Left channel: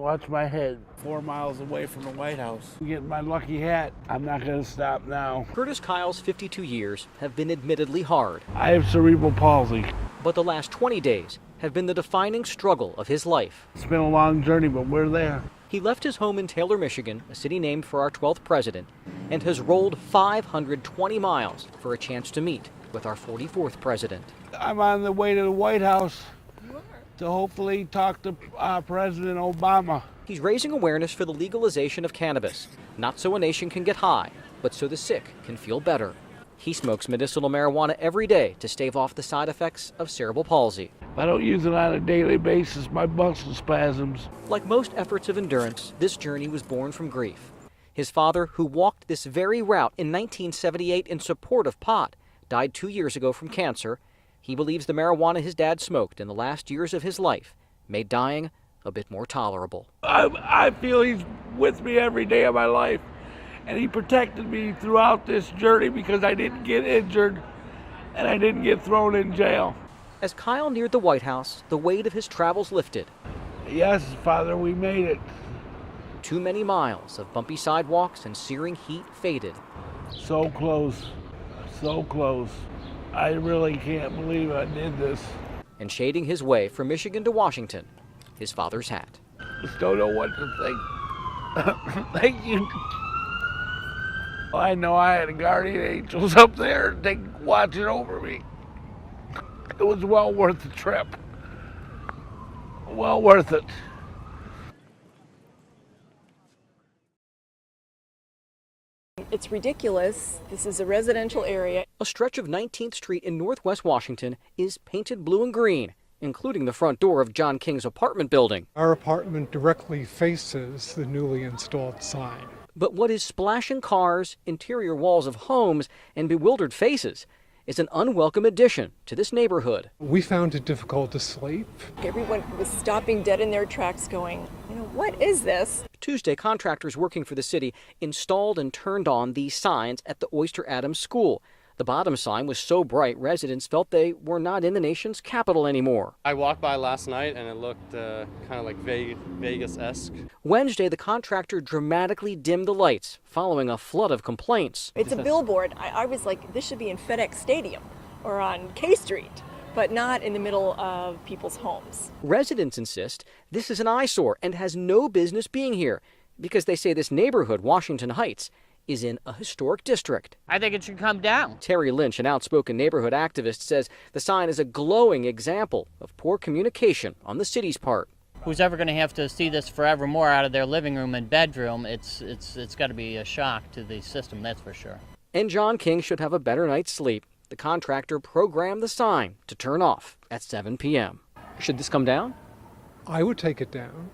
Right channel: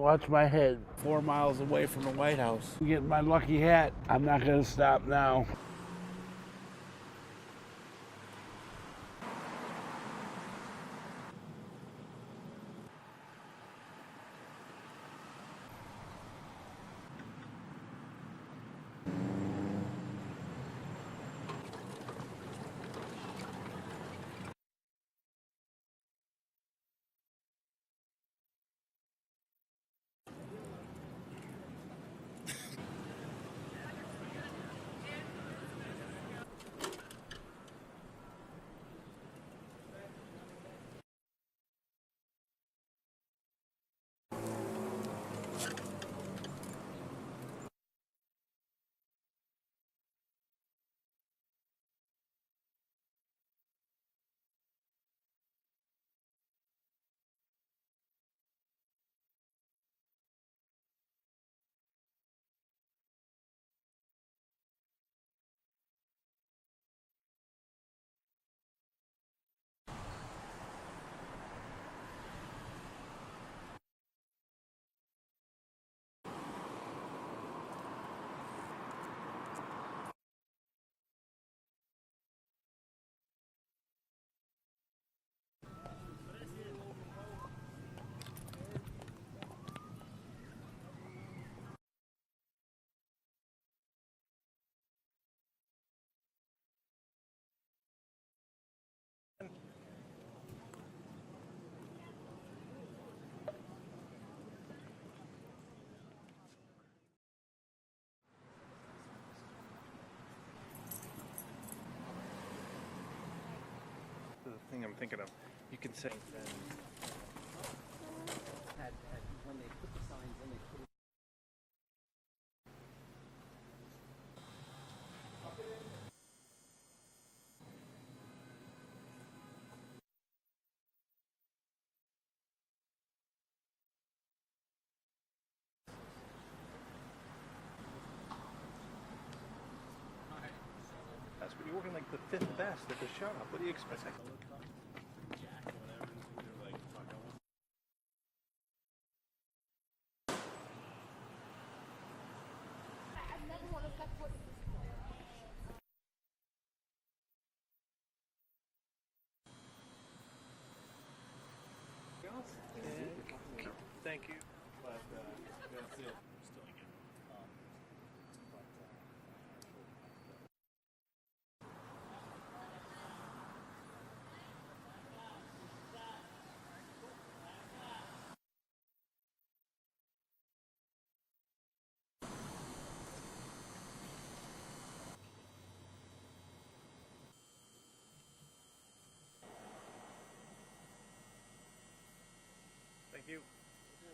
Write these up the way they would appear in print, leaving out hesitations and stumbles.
Watch my head. 4 miles away from the White House. I'm getting my lucky hat. I'm not going to stop now. Curtis Kyle's 52 years have been admittedly hard. I have cerebral palsy. But the last 20 days have been the defining struggle of his life. It's been a long journey, but we're there. He left his home in Taylor, Michigan, a city named for our 12th president, and has rolled 520 miles for a chance to meet with our 44th president. I'm on the way to the White House to hopefully talk to President Obama. He's raising awareness for the legalization of cannabis, not so a nation can get high, but so the sick can feel better. He smokes medicinal marijuana every day to stave off the side effects of cerebral palsy. If I don't use it on a daily basis, my muscle spasms. Like most efforts of endurance, this journey was born from grief. His father, who walked this very route in 1978 in support of pot, died 2 years ago from cancer. He believes the marijuana his dad smoked in the last years of his life made dying a bit more tolerable. I feel he's with me every day of my life, and he protected me throughout this journey because I didn't get injured and I didn't get thrown in jail. As Kyle neared the White House, the weight of his travels lifted. Yes, Father, we made it. Too many miles of bumpy sidewalks and searing heat faded. So close, so close. I really can't believe I did this. And shading his way from Michigan to Washington, his father's hat. Just don't know what to think. Thank you. I know I had guardian angels up there watching over me. It was well worth the trip. Well worth it. It's ridiculous. This is a residential area. A stretch of 19th Street in Northwest Washington is painted blue and green, including the front door of John King's apartment building. Our apartment directly faces the newly installed sign. But what is splashing cars, interior walls of homes, and bewildered faces is an unwelcome addition to this neighborhood. We found it difficult to sleep. Everyone was stopping dead in their tracks going, what is this? Tuesday, contractors working for the city installed and turned on these signs at the Oyster Adams School. The bottom sign was so bright, residents felt they were not in the nation's capital anymore. I walked by last night and it looked kind of like Vegas-esque. Wednesday, the contractor dramatically dimmed the lights following a flood of complaints. It's a billboard. I was like, this should be in FedEx Stadium or on K Street, but not in the middle of people's homes. Residents insist this is an eyesore and has no business being here because they say this neighborhood, Washington Heights, is in a historic district. I think it should come down. Terry Lynch, an outspoken neighborhood activist, says the sign is a glowing example of poor communication on the city's part. Who's ever going to have to see this forevermore out of their living room and bedroom, it's got to be a shock to the system, that's for sure. And John King should have a better night's sleep. The contractor programmed the sign to turn off at 7 p.m. Should this come down? I would take it down.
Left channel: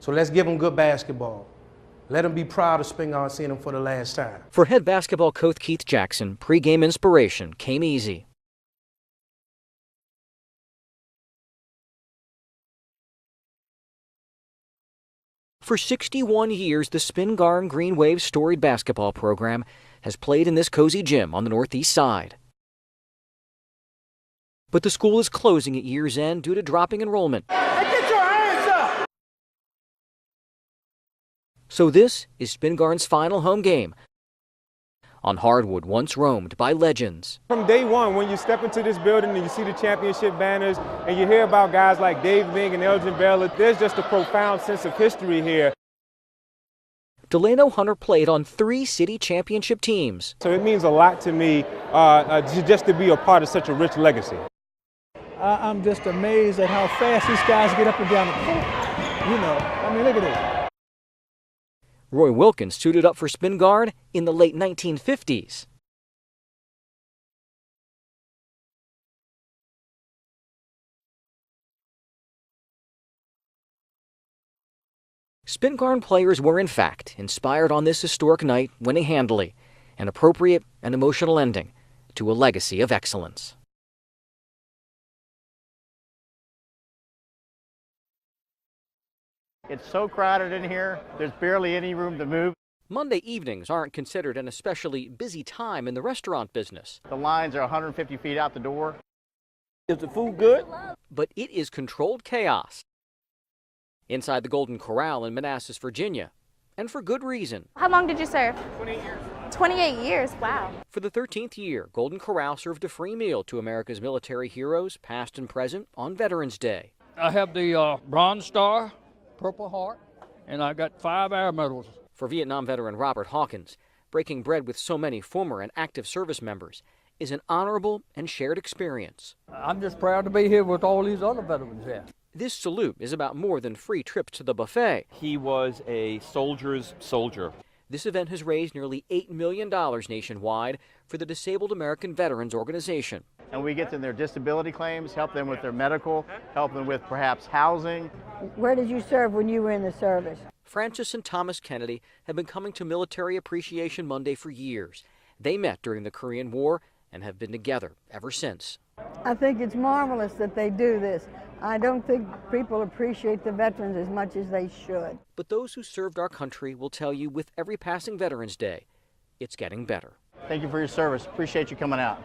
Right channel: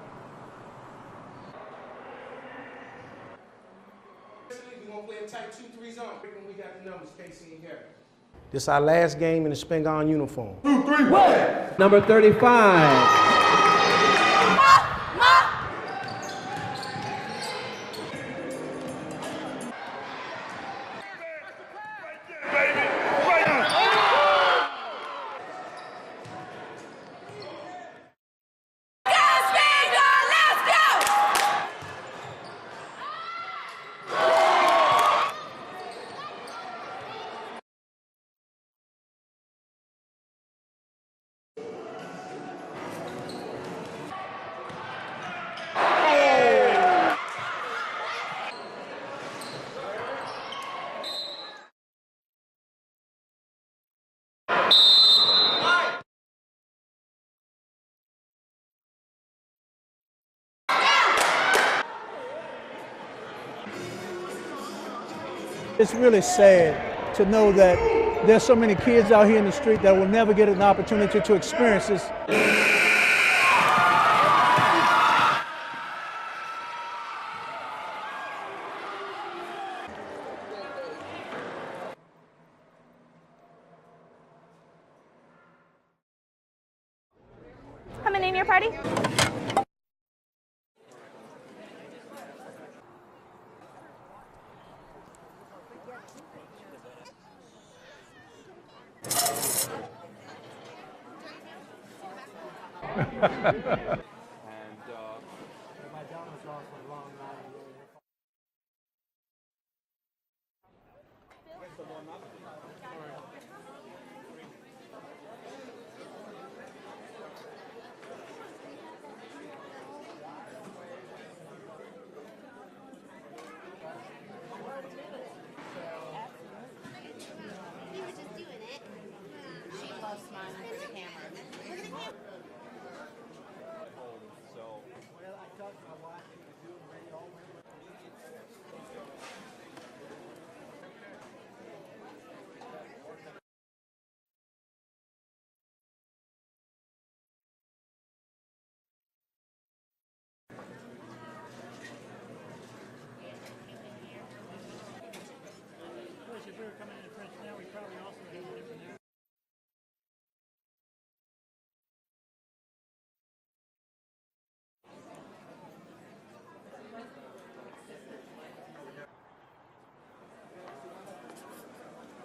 So let's give them good basketball. Let them be proud of Spingarn seeing them for the last time. For head basketball coach Keith Jackson, pregame inspiration came easy. This is our last game in the Spingarn uniform. 2, 3, 1. Number 35. For 61 years, the Spingarn Green Wave's storied basketball program has played in this cozy gym on the northeast side. But the school is closing at year's end due to dropping enrollment. So this is Spingarn's final home game on hardwood once roamed by legends. From day one, when you step into this building and you see the championship banners and you hear about guys like Dave Bing and Elgin Baylor, there's just a profound sense of history here. Delano Hunter played on 3 city championship teams. So it means a lot to me just to be a part of such a rich legacy. I'm just amazed at how fast these guys get up and down the court. Look at this. Roy Wilkins suited up for Spingarn in the late 1950s. It's really sad to know that there's so many kids out here in the street that will never get an opportunity to experience this. Spingarn players were, in fact, inspired on this historic night winning handily, an appropriate and emotional ending to a legacy of excellence. Coming in your party? It's so crowded in here, there's barely any room to move. Monday evenings aren't considered an especially busy time in the restaurant business. The lines are 150 feet out the door. Is the food good? But it is controlled chaos inside the Golden Corral in Manassas, Virginia, and for good reason. How long did you serve? 28 years. 28 years, wow. For the 13th year, Golden Corral served a free meal to America's military heroes, past and present, on Veterans Day. I have the Bronze Star, Purple Heart, and I got 5 Air Medals. For Vietnam veteran Robert Hawkins, breaking bread with so many former and active service members is an honorable and shared experience. I'm just proud to be here with all these other veterans here. This salute is about more than free trips to the buffet. He was a soldier's soldier. This event has raised nearly $8 million nationwide for the Disabled American Veterans Organization. And we get them their disability claims, help them with their medical, help them with perhaps housing. Where did you serve when you were in the service? Francis and Thomas Kennedy have been coming to Military Appreciation Monday for years. They met during the Korean War and have been together ever since. I think it's marvelous that they do this. I don't think people appreciate the veterans as much as they should. But those who served our country will tell you with every passing Veterans Day, it's getting better. Thank you for your service. Appreciate you coming out.